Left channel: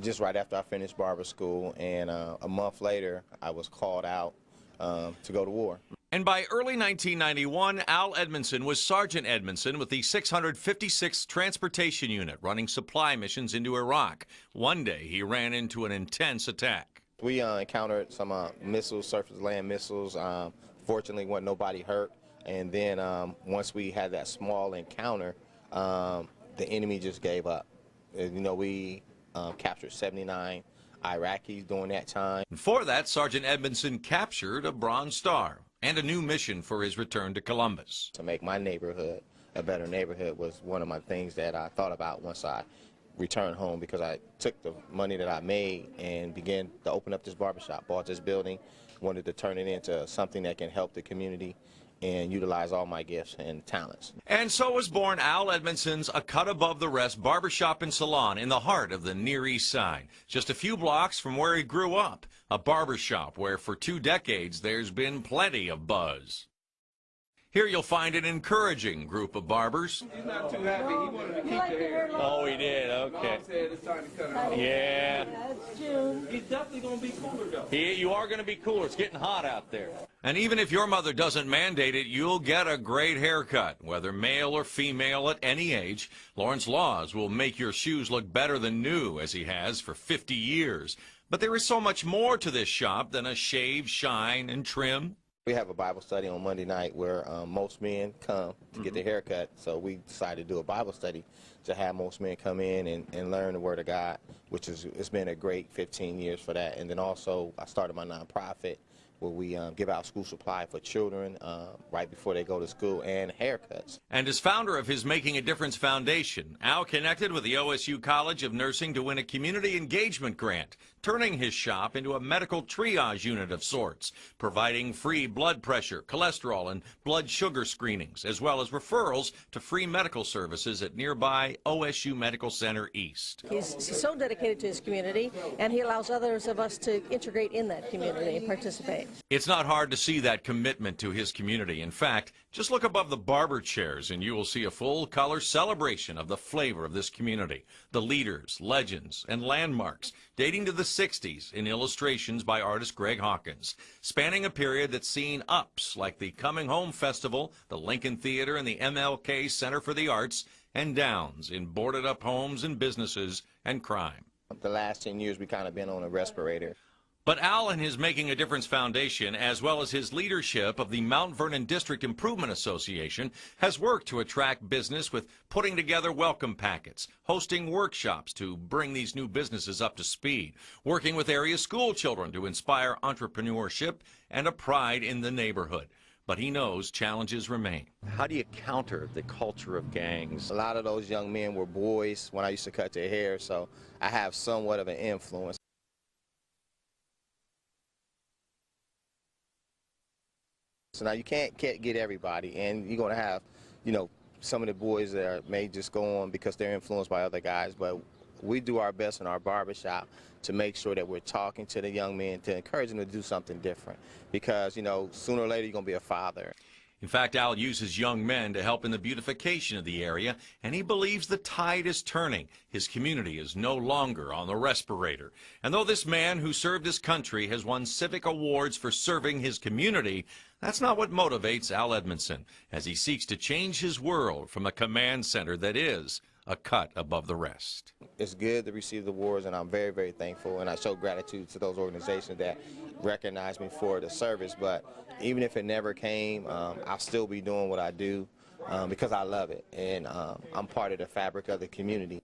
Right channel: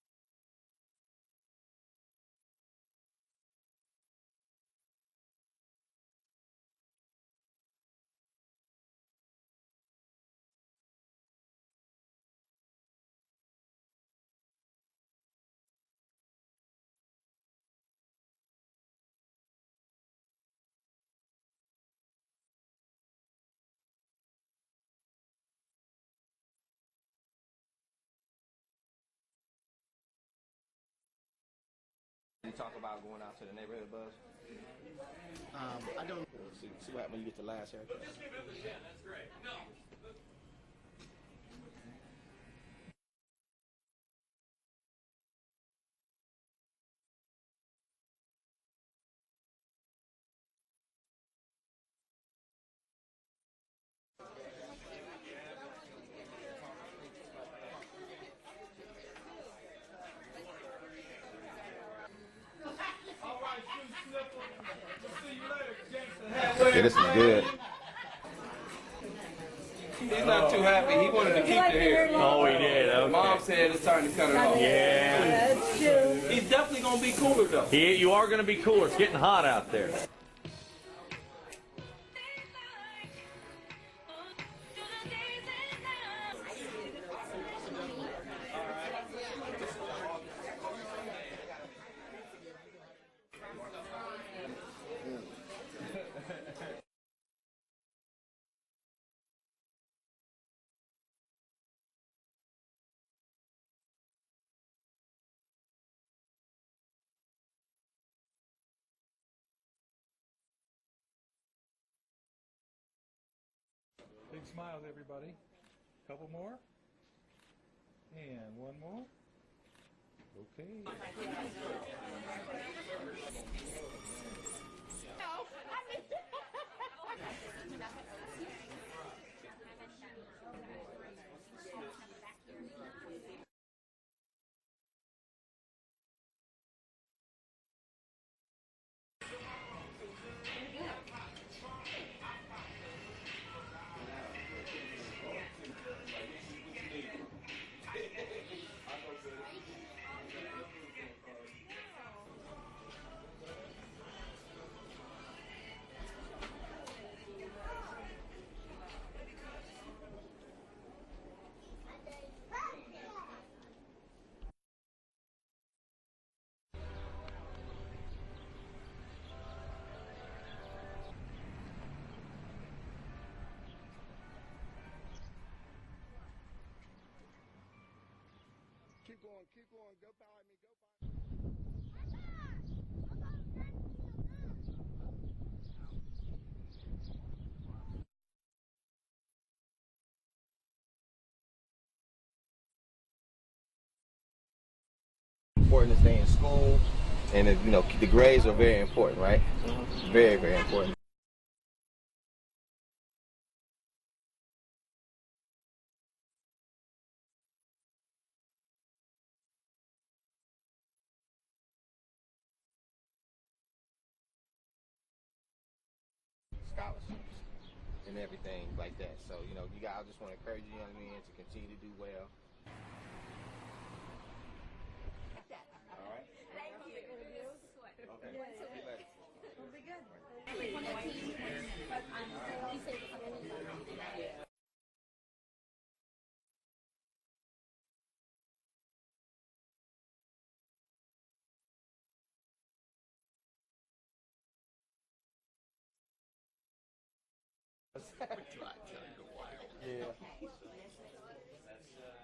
Just right after I finished barber school, and a month later, I was called out to go to war. And by early 1991, Al Edmondson was Sergeant Edmondson with the 656th Transportation Unit running supply missions into Iraq. One day, he ran into an intense attack. We encountered some missiles, surface-land missiles. Fortunately, wasn't nobody hurt. And then once we had that small encounter, the enemy just gave up. You know, we captured 79 Iraqis during that time. Before that, Sergeant Edmondson captured a Bronze Star and a new mission for his return to Columbus. To make my neighborhood a better neighborhood was one of my things that I thought about once I returned home, because I took the money that I made and began to open up this barbershop, bought this building, wanted to turn it into something that can help the community and utilize all my gifts and talents. And so was born Al Edmondson's A Cut Above the Rest barbershop and salon in the heart of the Near East Side, just a few blocks from where he grew up. A barbershop where for 2 decades there's been plenty of buzz. Yeah, this is good. Here you'll find an encouraging group of barbers. He's not too happy. He wanted to keep the hair. Oh, he did. Okay. Mom said it's time to cut it off. Yeah. That's true. He's definitely going to be cooler, though. You are going to be cooler. It's getting hot out there. And even if your mother doesn't mandate it, you'll get a great haircut, whether male or female at any age. Lawrence Laws will make your shoes look better than new, as he has for 50 years. But there is so much more to this shop than a shave, shine, and trim. We have a Bible study on Monday night where most men come to get their hair cut. So we decided to do a Bible study to have most men come in and learn the Word of God, which it's been a great 15 years for that. And then also I started my nonprofit where we give out school supply for children right before they go to school, and haircuts. And as founder of his Making a Difference Foundation, Al connected with the OSU College of Nursing to win a community engagement grant, turning his shop into a medical triage unit of sorts, providing free blood pressure, cholesterol, and blood sugar screenings, as well as referrals to free medical services at nearby OSU Medical Center East. He's so dedicated to his community, and he allows others of us to integrate in that community and participate. It's not hard to see that commitment to his community. In fact, just look above the barber chairs and you will see a full-color celebration of the flavor of this community. The leaders, legends, and landmarks dating to the 60s in illustrations by artist Greg Hawkins, spanning a period that's seen ups like the Coming Home Festival, the Lincoln Theater, and the MLK Center for the Arts, and downs in boarded-up homes and businesses and crime. The last 10 years we kind of been on a respirator. But Al and his Making a Difference Foundation, as well as his leadership of the Mount Vernon District Improvement Association, has worked to attract business with putting together welcome packets, hosting workshops to bring these new businesses up to speed, working with area school children to inspire entrepreneurship and a pride in the neighborhood. But he knows challenges remain. How do you counter the culture of gangs? A lot of those young men were boys when I used to cut their hair, so I have somewhat of an influence. It's important to stay in school. And, you know, the grades are very important, right? Very, very important. So now you can't get everybody, and you're going to have, you know, some of the boys that may just go on because they're influenced by other guys, but we do our best in our barbershop to make sure that we're talking to the young men to encourage them to do something different, because, you know, sooner or later you're going to be a father. In fact, Al uses young men to help in the beautification of the area, and he believes the tide is turning. His community is no longer on the respirator. And though this man who served his country has won civic awards for serving his community, that's not what motivates Al Edmondson as he seeks to change his world from a command center that is a cut above the rest. It's good to receive the awards, and I'm very, very thankful, and I show gratitude to those organizations that recognize me for the service. But even if it never came, I'll still be doing what I do because I love it, and I'm part of the fabric of the community.